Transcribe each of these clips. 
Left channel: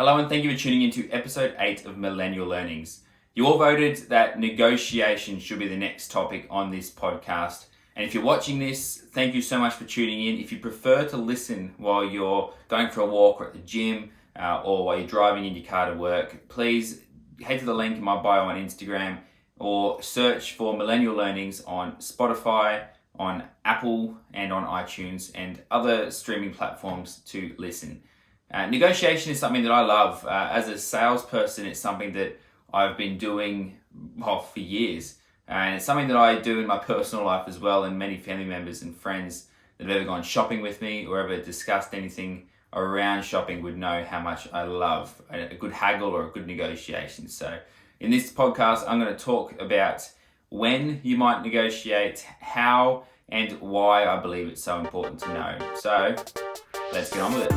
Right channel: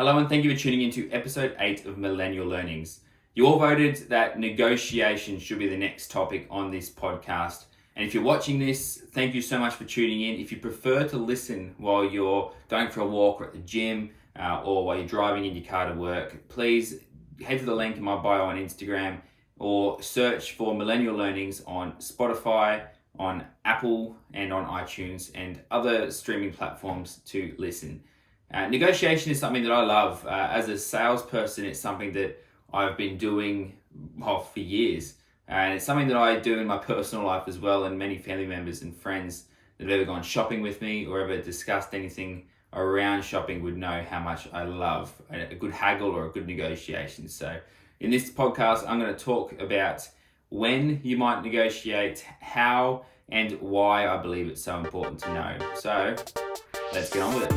Hello and thank you for tuning into episode 8 of Millennial Learnings. You all voted that negotiation should be the next topic on this podcast. And if you're watching this, thank you so much for tuning in. If you prefer to listen while you're going for a walk or at the gym or while you're driving in your car to work, please head to the link in my bio on Instagram or search for Millennial Learnings on Spotify, on Apple and on iTunes and other streaming platforms to listen. Negotiation is something that I love. As a salesperson, it's something that I've been doing for years. And it's something that I do in my personal life as well, and many family members and friends that have ever gone shopping with me or ever discussed anything around shopping would know how much I love a good haggle or a good negotiation. So in this podcast, I'm going to talk about when you might negotiate, how and why I believe it's so important to know. So let's get on with it.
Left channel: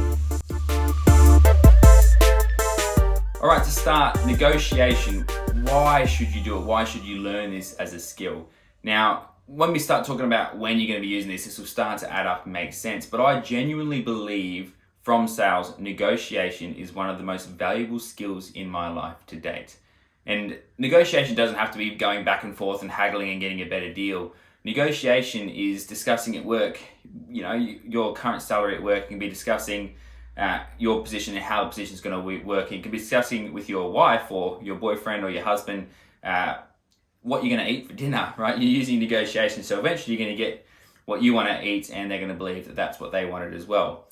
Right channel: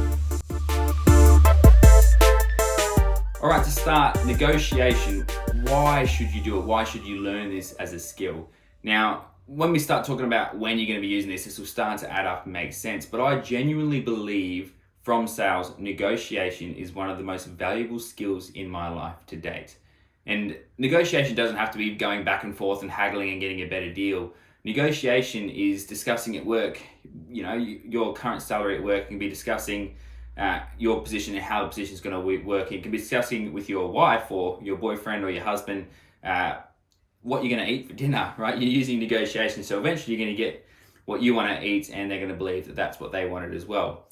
All right, to start, negotiation. Why should you do it? Why should you learn this as a skill? Now, when we start talking about when you're going to be using this will start to add up and make sense. But I genuinely believe from sales, negotiation is one of the most valuable skills in my life to date. And negotiation doesn't have to be going back and forth and haggling and getting a better deal. Negotiation is discussing at work, your current salary at work. Can be discussing your position and how the position is going to work. You can be discussing with your wife or your boyfriend or your husband what you're going to eat for dinner, right? You're using negotiation. So eventually you're going to get what you want to eat and they're going to believe that that's what they wanted as well.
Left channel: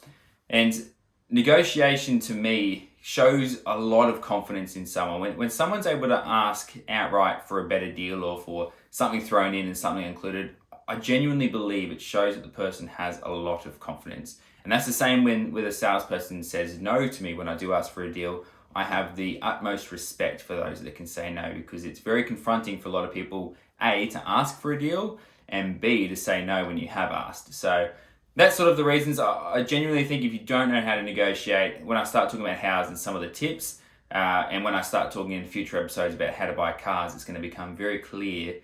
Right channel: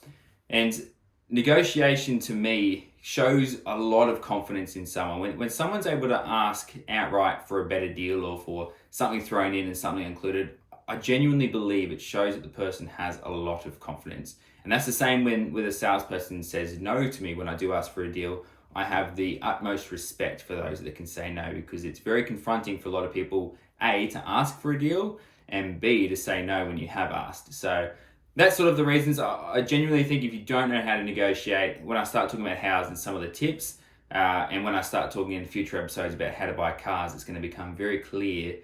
And negotiation to me shows a lot of confidence in someone. When someone's able to ask outright for a better deal or for something thrown in and something included, I genuinely believe it shows that the person has a lot of confidence. And that's the same when a salesperson says no to me when I do ask for a deal. I have the utmost respect for those that can say no, because it's very confronting for a lot of people, A, to ask for a deal, and B, to say no when you have asked. So that's sort of the reasons. I genuinely think if you don't know how to negotiate, when I start talking about hows and some of the tips, and when I start talking in future episodes about how to buy cars, it's going to become very clear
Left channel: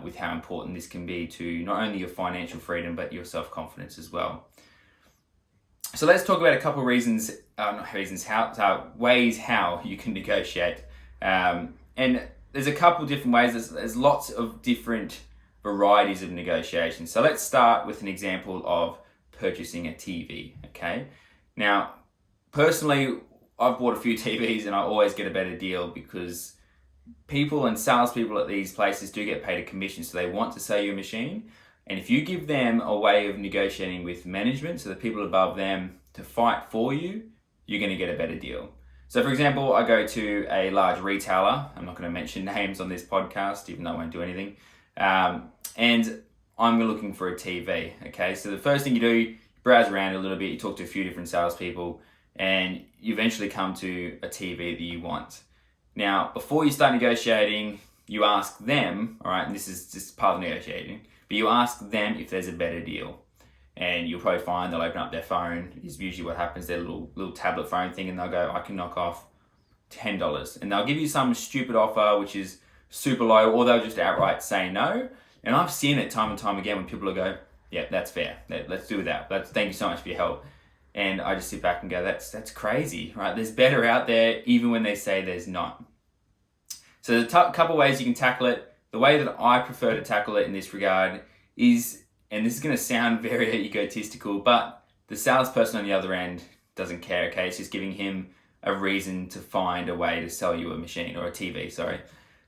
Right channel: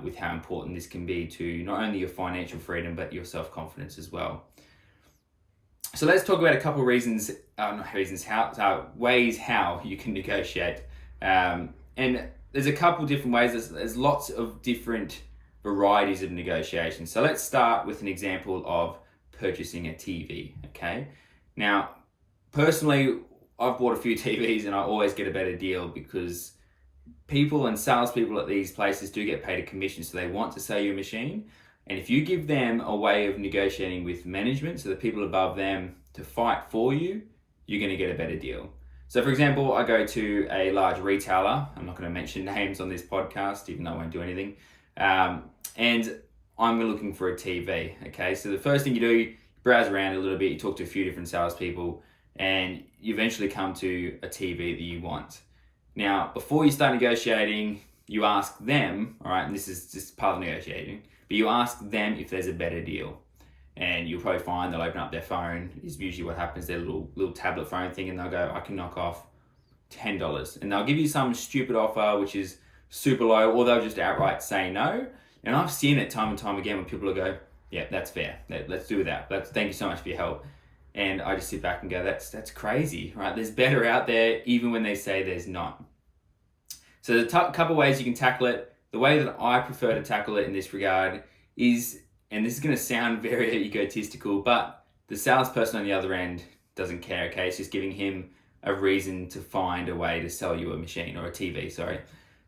with how important this can be to not only your financial freedom, but your self-confidence as well. So let's talk about a couple of ways how you can negotiate. And there's a couple different ways. There's lots of different varieties of negotiation. So let's start with an example of purchasing a TV, okay? Now, personally, I've bought a few TVs and I always get a better deal because people and salespeople at these places do get paid a commission, so they want to sell you a machine. And if you give them a way of negotiating with management, so the people above them, to fight for you, you're going to get a better deal. So for example, I go to a large retailer. I'm not going to mention names on this podcast, even though I won't do anything. And I'm looking for a TV. Okay, so the first thing you do, you browse around a little bit, you talk to a few different salespeople, and you eventually come to a TV that you want. Now, before you start negotiating, you ask them, all right, and this is just part of negotiating, but you ask them if there's a better deal. And you'll probably find they'll open up their phone, is usually what happens, their little tablet phone thing, and they'll go, I can knock off $10. And they'll give you some stupid offer, which is super low, or they'll just outright say no. And I've seen it time and time again when people will go, yeah, that's fair. Let's do that. Thank you so much for your help. And I just sit back and go, that's crazy, right? There's better out there, even when they say there's not. So there's a couple ways you can tackle it. The way that I prefer to tackle it in this regard is, and this is going to sound very egotistical, but the salesperson on the other end doesn't care, okay? It's just giving him a reason to find a way to sell you a machine or a TV, sorry.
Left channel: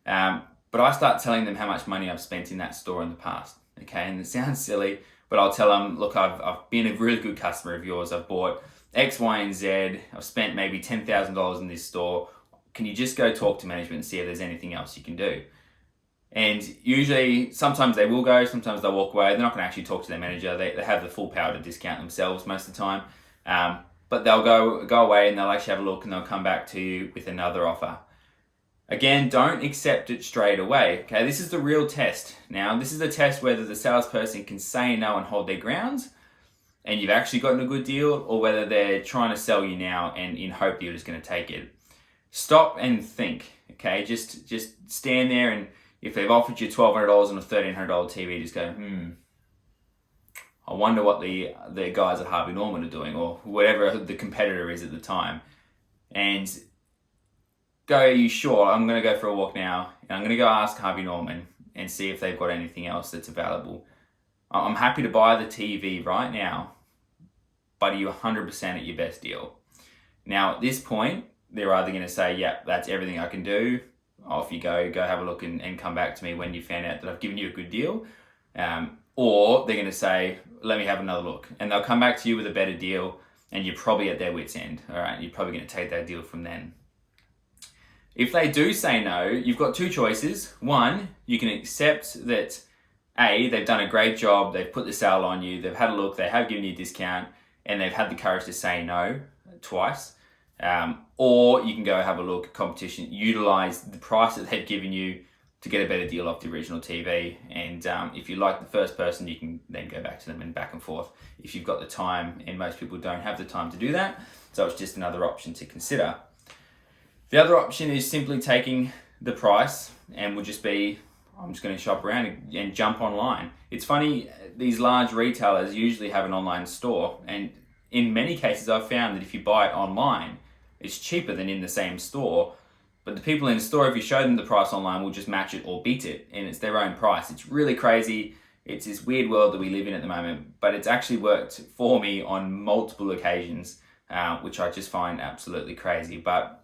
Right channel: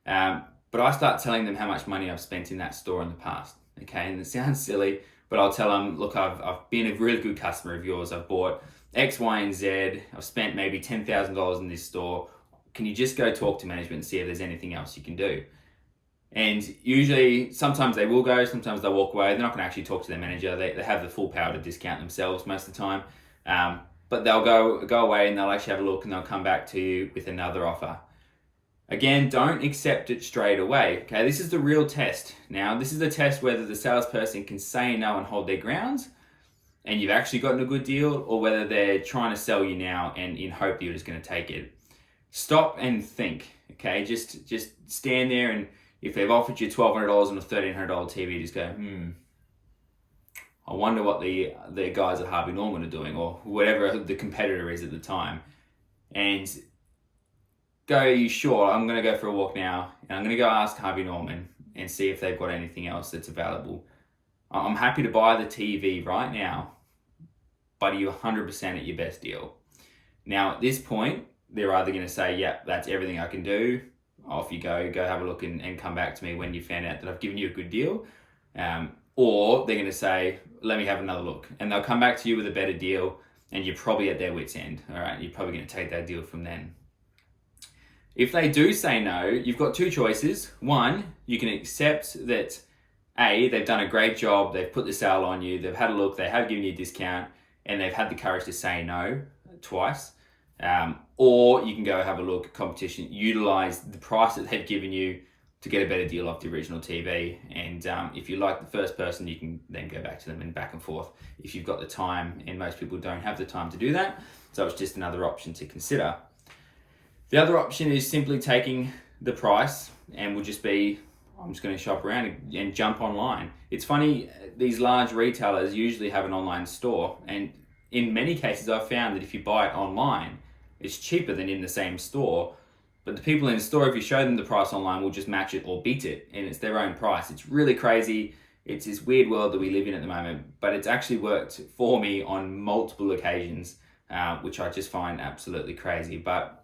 But I start telling them how much money I've spent in that store in the past, okay? And it sounds silly, but I'll tell them, look, I've been a really good customer of yours. I've bought X, Y, and Z. I've spent maybe $10,000 in this store. Can you just go talk to management and see if there's anything else you can do? And usually, sometimes they will go, sometimes they'll walk away. They're not going to actually talk to their manager. They have the full power to discount themselves most of the time. But they'll go away and they'll actually have a look and they'll come back to you with another offer. Again, don't accept it straight away. Okay, this is the real test. Now, this is the test whether the salesperson can say no and hold their grounds and you've actually gotten a good deal, or whether they're trying to sell you now and in hope you're just going to take it. Stop and think, okay? Just stand there, and if they've offered you $1,200 on a $1,300 TV, just go, I wonder what the guys at Harvey Norman are doing, or whatever the competitor is at the time. and go, are you sure? I'm going to go for a walk now, and I'm going to go ask Harvey Norman and see if they've got anything else that's available. I'm happy to buy the TV right now, but are you 100% at your best deal? Now, at this point, they're either going to say, yeah, that's everything I can do. Off you go have a look and come back to me when you found out that I've given you a good deal. Or they're going to say, let me have another look. And they'll come back to you with a better deal, and you're probably at their wit's end. All right, you're probably going to take that deal from them. If they do say no, you've got two choices. One, you can accept that A, they've done a great job, they've put the sale on you, they've had a look, they have given you a discount, and they've had the courage to say no twice. Or you can go have a look at competition, utilize the price that they've given you to get a better deal off the original TV. And if you like the first person, you can then go back to them and back and forth if you've got the time, and most people don't have the time to do that. So it's just another option to consider. The other option is simply taking the price and would just be, I'm just going to shop around and jump online. It's funny, these large retailers usually have an online store, and in many cases I've found that if you buy it online, it's cheaper than in the same store. But the people in the store, if you show them the price online, will just match it or beat it, and it's their own price. It's really crazy. It's this weird world that we live in at the moment, but it's actually worked for me on multiple occasions, which I just find absolutely crazy. But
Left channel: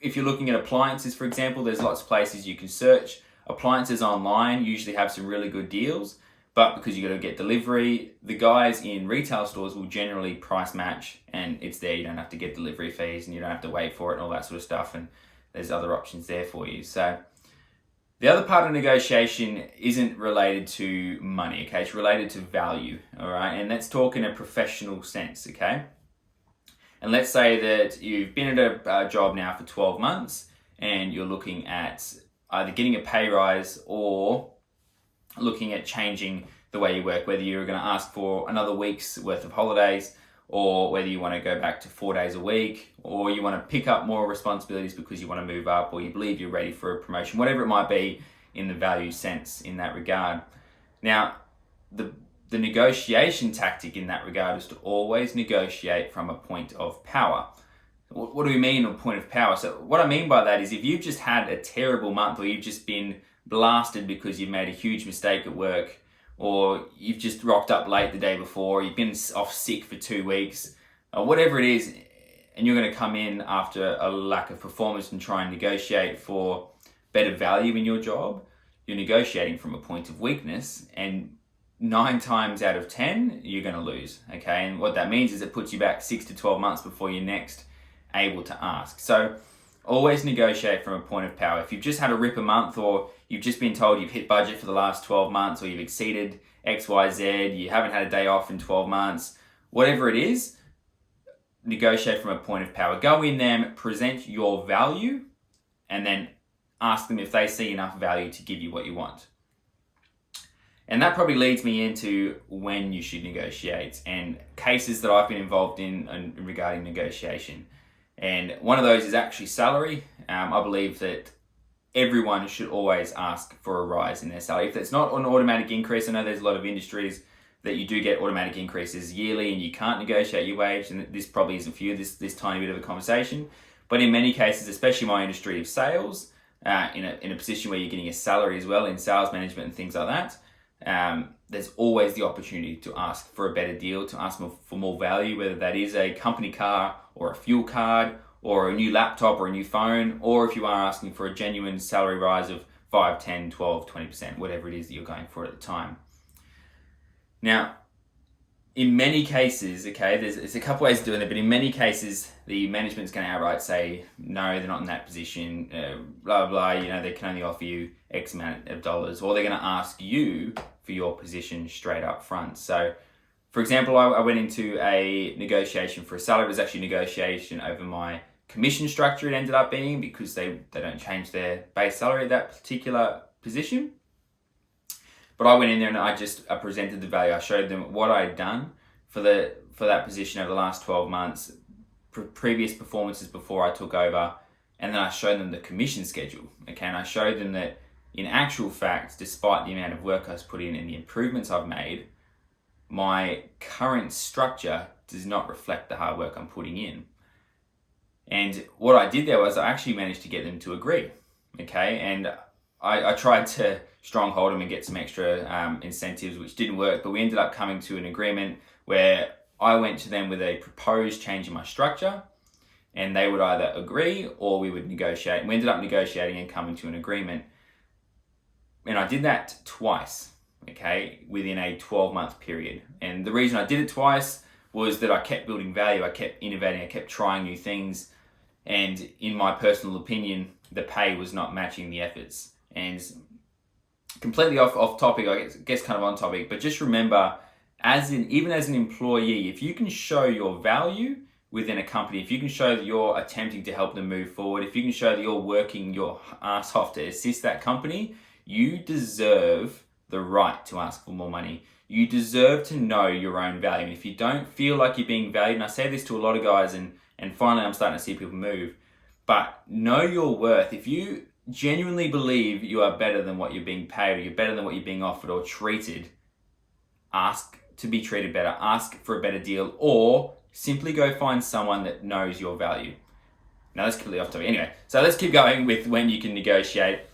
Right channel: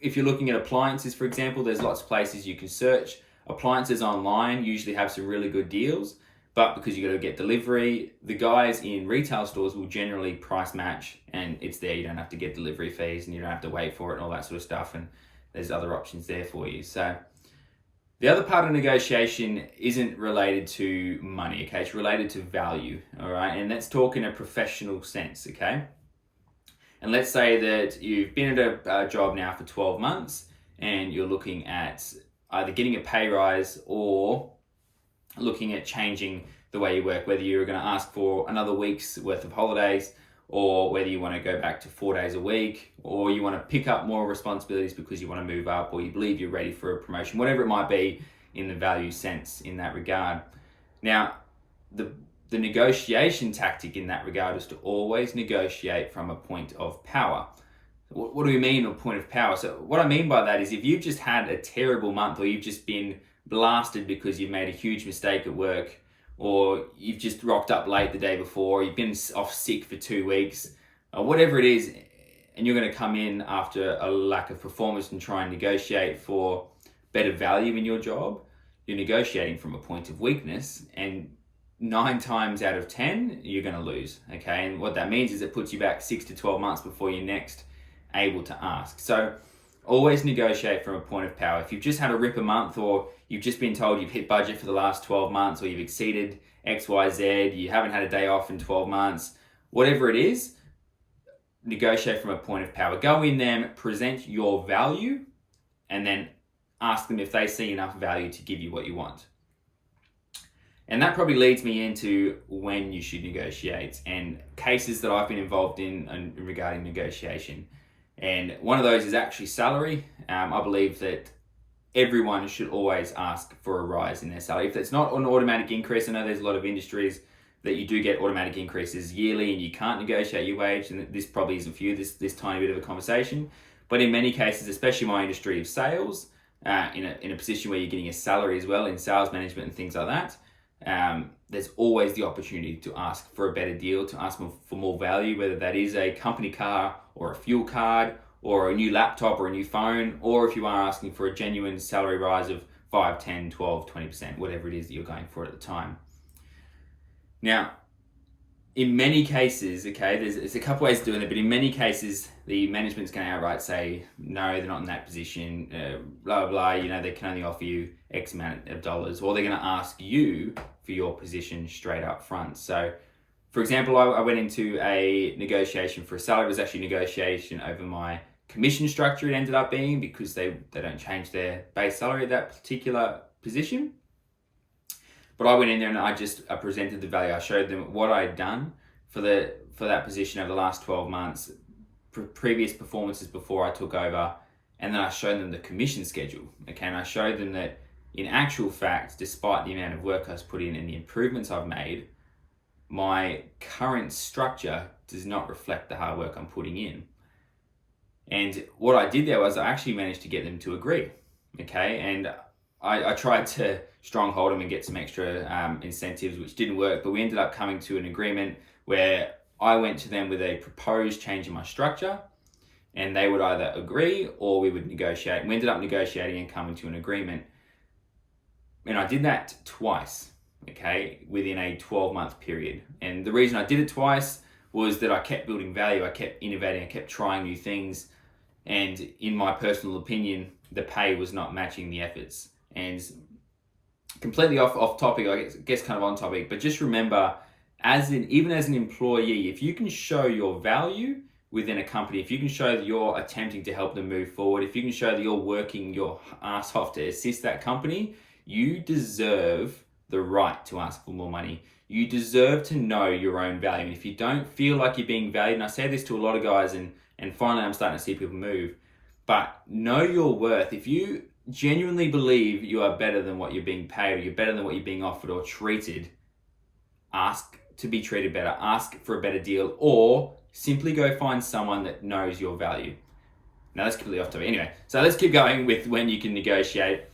if you're looking at appliances, for example, there's lots of places you can search. Appliances online usually have some really good deals, but because you got to get delivery, the guys in retail stores will generally price match, and it's there. You don't have to get delivery fees, and you don't have to wait for it and all that sort of stuff, and there's other options there for you. So the other part of negotiation isn't related to money, okay? It's related to value, all right? And let's talk in a professional sense, okay? And let's say that you've been at a job now for 12 months and you're looking at either getting a pay rise or looking at changing the way you work, whether you're going to ask for another week's worth of holidays, or whether you want to go back to 4 days a week, or you want to pick up more responsibilities because you want to move up, or you believe you're ready for a promotion, whatever it might be in the value sense in that regard. Now, the negotiation tactic in that regard is to always negotiate from a point of power. What do we mean a point of power? So what I mean by that is if you've just had a terrible month, or you've just been blasted because you've made a huge mistake at work, or you've just rocked up late the day before, you've been off sick for 2 weeks, or whatever it is, and you're going to come in after a lack of performance and try and negotiate for better value in your job, you're negotiating from a point of weakness, and 9 times out of 10, you're going to lose, okay? And what that means is it puts you back 6 to 12 months before you're next able to ask. So always negotiate from a point of power. If you've just had a ripper month, or you've just been told you've hit budget for the last 12 months, or you've exceeded XYZ, you haven't had a day off in 12 months, whatever it is, negotiate from a point of power. Go in there, present your value, and then ask them if they see enough value to give you what you want. And that probably leads me into when you should negotiate and cases that I've been involved in regarding negotiation. And one of those is actually salary. I believe that everyone should always ask for a rise in their salary. If it's not an automatic increase, I know there's a lot of industries that you do get automatic increases yearly and you can't negotiate your wage, and this probably isn't for you, this tiny bit of a conversation. But in many cases, especially my industry of sales, in a position where you're getting a salary as well in sales management and things like that, there's always the opportunity to ask for a better deal, to ask for more value, whether that is a company car or a fuel card or a new laptop or a new phone, or if you are asking for a genuine salary rise of 5, 10, 12, 20%, whatever it is that you're going for at the time. Now, in many cases, okay, there's a couple ways of doing it, but in many cases, the management's going to outright say, no, they're not in that position, blah, blah, they can only offer you X amount of dollars, or they're going to ask you for your position straight up front. So, for example, I went into a negotiation for a salary. It was actually a negotiation over my commission structure, it ended up being, because they don't change their base salary at that particular position. But I went in there and I presented the value. I showed them what I had done for that position over the last 12 months, previous performances before I took over, and then I showed them the commission schedule. Okay, and I showed them that in actual fact, despite the amount of work I've put in and the improvements I've made, my current structure does not reflect the hard work I'm putting in. And what I did there was I actually managed to get them to agree. Okay, and I tried to stronghold them and get some extra incentives, which didn't work, but we ended up coming to an agreement where I went to them with a proposed change in my structure, and they would either agree or we would negotiate. We ended up negotiating and coming to an agreement. And I did that twice, okay, within a 12-month period. And the reason I did it twice was that I kept building value, I kept innovating, I kept trying new things. And in my personal opinion, the pay was not matching the efforts. And completely off topic, I guess kind of on topic, but just remember, even as an employee, if you can show your value within a company, if you can show that you're attempting to help them move forward, if you can show that you're working your ass off to assist that company, you deserve the right to ask for more money. You deserve to know your own value. And if you don't feel like you're being valued, and I say this to a lot of guys, and finally I'm starting to see people move, but know your worth. If you genuinely believe you are better than what you're being paid, or you're better than what you're being offered or treated, ask to be treated better, ask for a better deal, or simply go find someone that knows your value. Now that's completely off topic. Anyway, so let's keep going with when you can negotiate.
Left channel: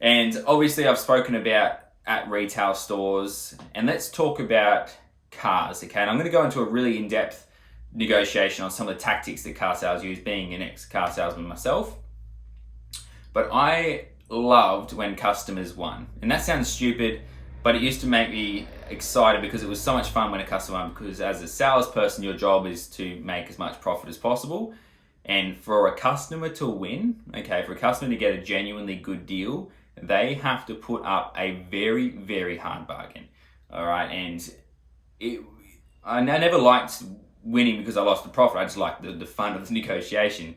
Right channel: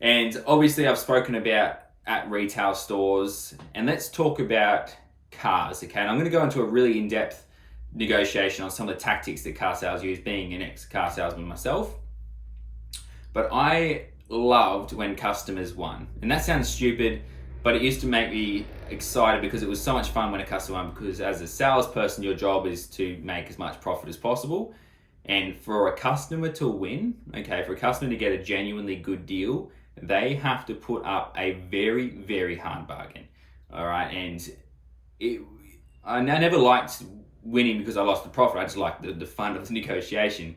And obviously I've spoken about at retail stores, and let's talk about cars, okay? And I'm gonna go into a really in-depth negotiation on some of the tactics that car sales use, being an ex-car salesman myself. But I loved when customers won. And that sounds stupid, but it used to make me excited because it was so much fun when a customer won, because as a salesperson, your job is to make as much profit as possible. And for a customer to win, okay, for a customer to get a genuinely good deal, they have to put up a very, very hard bargain. All right. And I never liked winning because I lost the profit. I just liked the fun of the negotiation.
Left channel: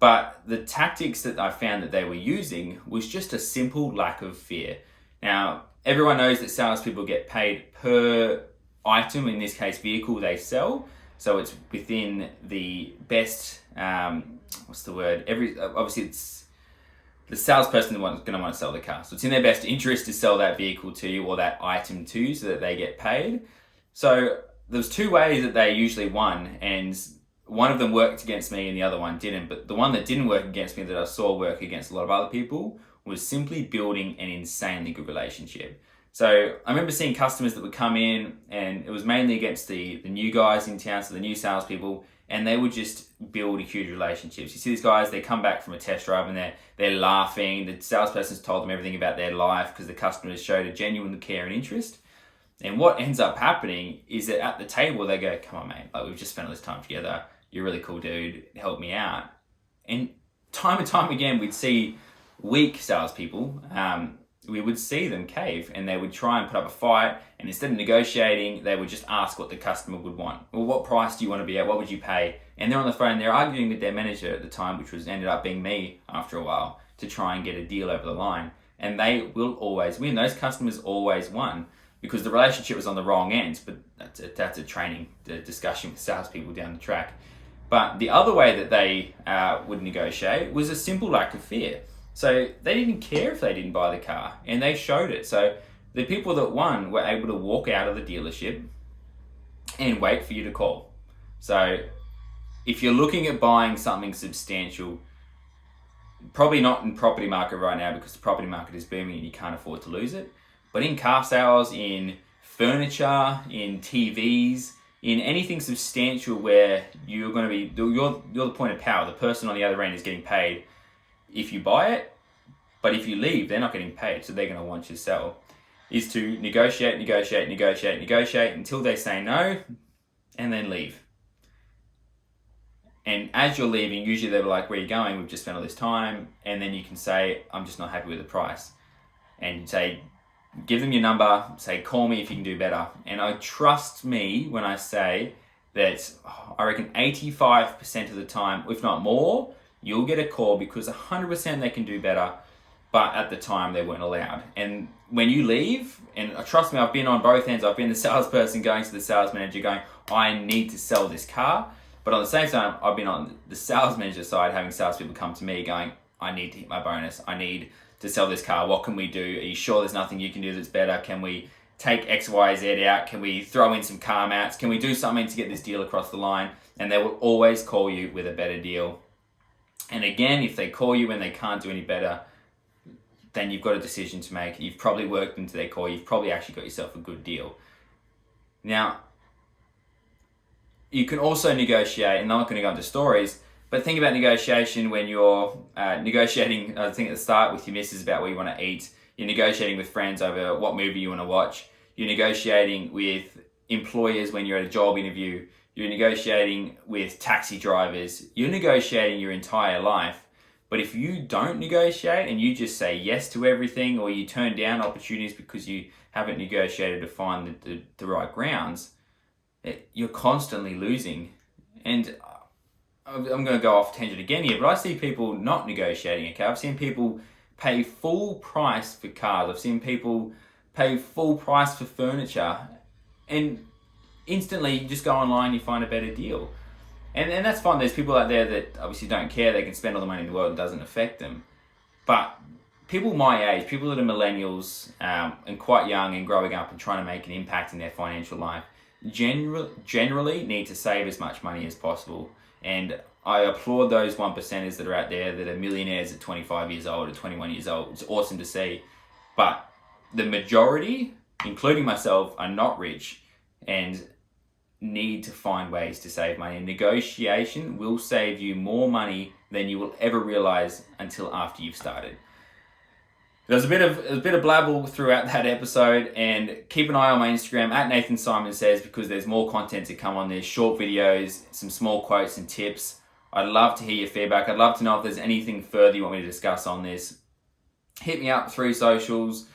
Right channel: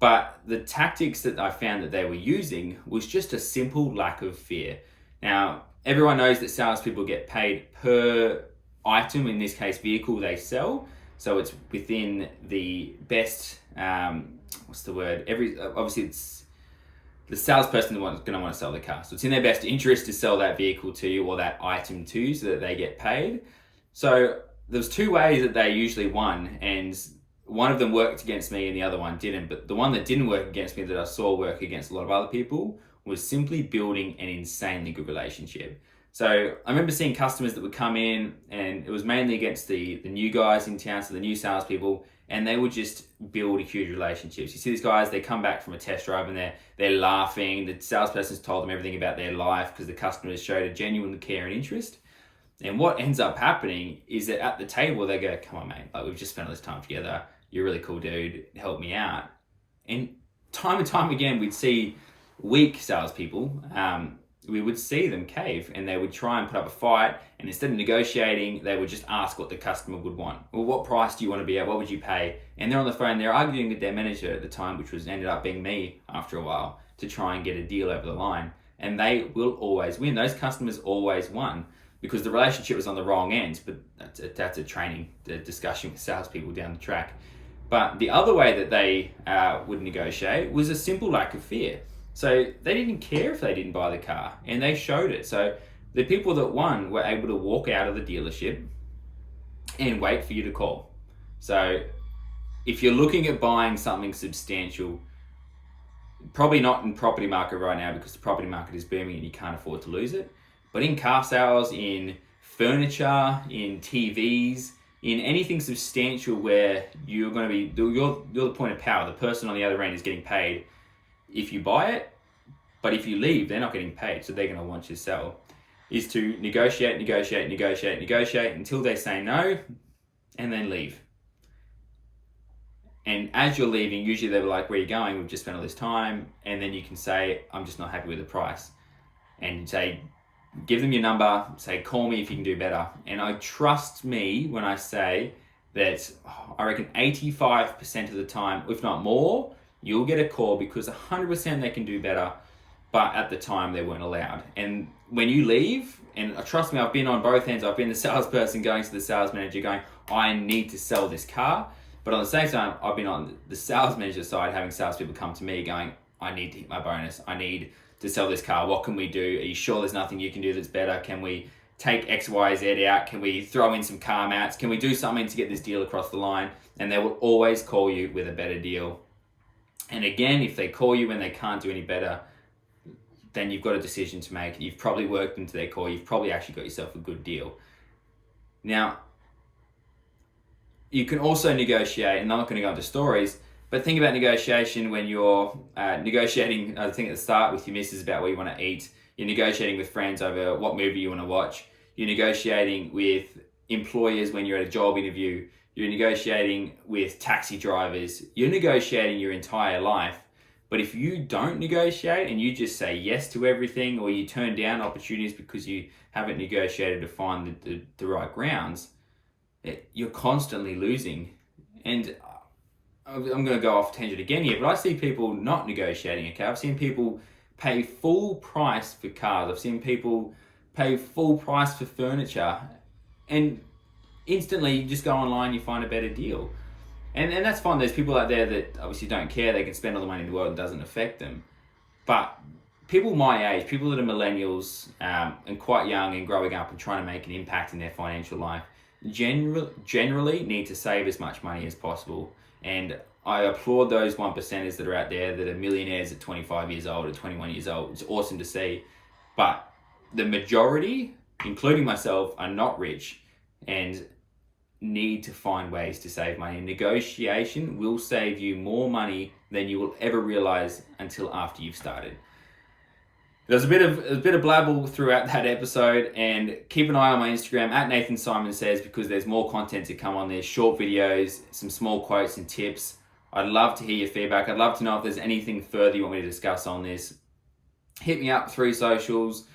But the tactics that I found that they were using was just a simple lack of fear. Now, everyone knows that salespeople get paid per item, in this case, vehicle they sell. So it's within the best, obviously it's the salesperson is going to want to sell the car. So it's in their best interest to sell that vehicle to you or that item to you so that they get paid. So there's two ways that they usually won, and one of them worked against me and the other one didn't. But the one that didn't work against me, that I saw work against a lot of other people, was simply building an insanely good relationship. So I remember seeing customers that would come in, and it was mainly against the new guys in town, so the new salespeople, and they would just build huge relationships. You see these guys, they come back from a test drive and they're laughing. The salesperson's told them everything about their life because the customers showed a genuine care and interest. And what ends up happening is that at the table, they go, come on, mate, like, we've just spent all this time together. You're a really cool dude. Help me out. And time again, we'd see weak salespeople. We would see them cave, and they would try and put up a fight, and instead of negotiating, they would just ask what the customer would want. Well, what price do you want to be at? What would you pay? And they're on the phone, they're arguing with their manager at the time, which ended up being me after a while, to try and get a deal over the line. And they will always win. Those customers always won because the relationship was on the wrong end, but that's a training discussion with salespeople down the track. But the other way that they would negotiate was a simple lack of fear. So they didn't care if they didn't buy the car, and they showed it. So the people that won were able to walk out of the dealership and wait for you to call. So if you're looking at buying something substantial, probably not in property market right now because the property market is booming and you can't afford to lose it. But in car sales, in furniture, in TVs, in anything substantial where you're going to be, you're the point of power. The person on the other end is getting paid if you buy it, but if you leave, they're not getting paid, so they're going to want you to sell, is to negotiate until they say no, and then leave. And as you're leaving, usually they're like, where are you going? We've just spent all this time. And then you can say, I'm just not happy with the price. And say, give them your number, say, call me if you can do better. And trust me when I say that I reckon 85% of the time, if not more, you'll get a call because 100% they can do better, but at the time they weren't allowed. And when you leave, and trust me, I've been on both ends. I've been the salesperson going to the sales manager going, I need to sell this car. But on the same time, I've been on the sales manager side having salespeople come to me going, I need to hit my bonus. I need to sell this car. What can we do? Are you sure there's nothing you can do that's better? Can we take X, Y, Z out? Can we throw in some car mats? Can we do something to get this deal across the line? And they will always call you with a better deal. And again, if they call you when they can't do any better, then you've got a decision to make. You've probably worked into their call. You've probably actually got yourself a good deal. Now, you can also negotiate, and I'm not going to go into stories, but think about negotiation when you're negotiating, I think at the start with your missus about where you want to eat. You're negotiating with friends over what movie you want to watch. You're negotiating with employers when you're at a job interview. You're negotiating with taxi drivers. You're negotiating your entire life. But if you don't negotiate and you just say yes to everything, or you turn down opportunities because you haven't negotiated to find the right grounds, you're constantly losing. And I'm going to go off tangent again here, but I see people not negotiating. Okay, I've seen people pay full price for cars. I've seen people pay full price for furniture, and instantly you just go online, you find a better deal. And that's fine. There's people out there that obviously don't care. They can spend all the money in the world and it doesn't affect them. But people my age, people that are millennials and quite young and growing up and trying to make an impact in their financial life, generally need to save as much money as possible. And I applaud those 1%ers that are out there that are millionaires at 25 years old or 21 years old. It's awesome to see. But the majority, including myself, are not rich and need to find ways to save money. And negotiation will save you more money than you will ever realize until after you've started. There's a bit of blabble throughout that episode, and keep an eye on my Instagram at Nathan Simon Says, because there's more content to come on there, short videos, some small quotes and tips. I'd love to hear your feedback. I'd love to know if there's anything further you want me to discuss on this. Hit me up through socials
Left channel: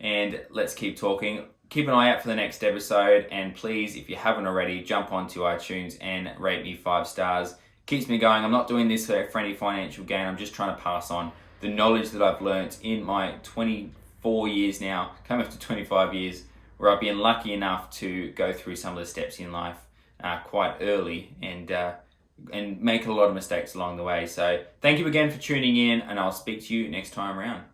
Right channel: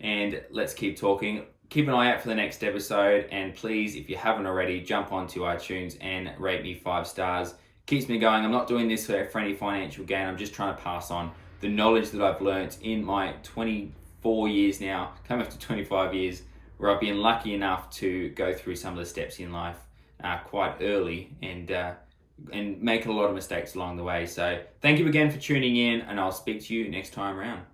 and let's keep talking. Keep an eye out for the next episode, and please, if you haven't already, jump onto iTunes and rate me 5 stars. Keeps me going. I'm not doing this for any financial gain. I'm just trying to pass on the knowledge that I've learnt in my 24 years now, coming up to 25 years, where I've been lucky enough to go through some of the steps in life quite early and make a lot of mistakes along the way. So thank you again for tuning in, and I'll speak to you next time around.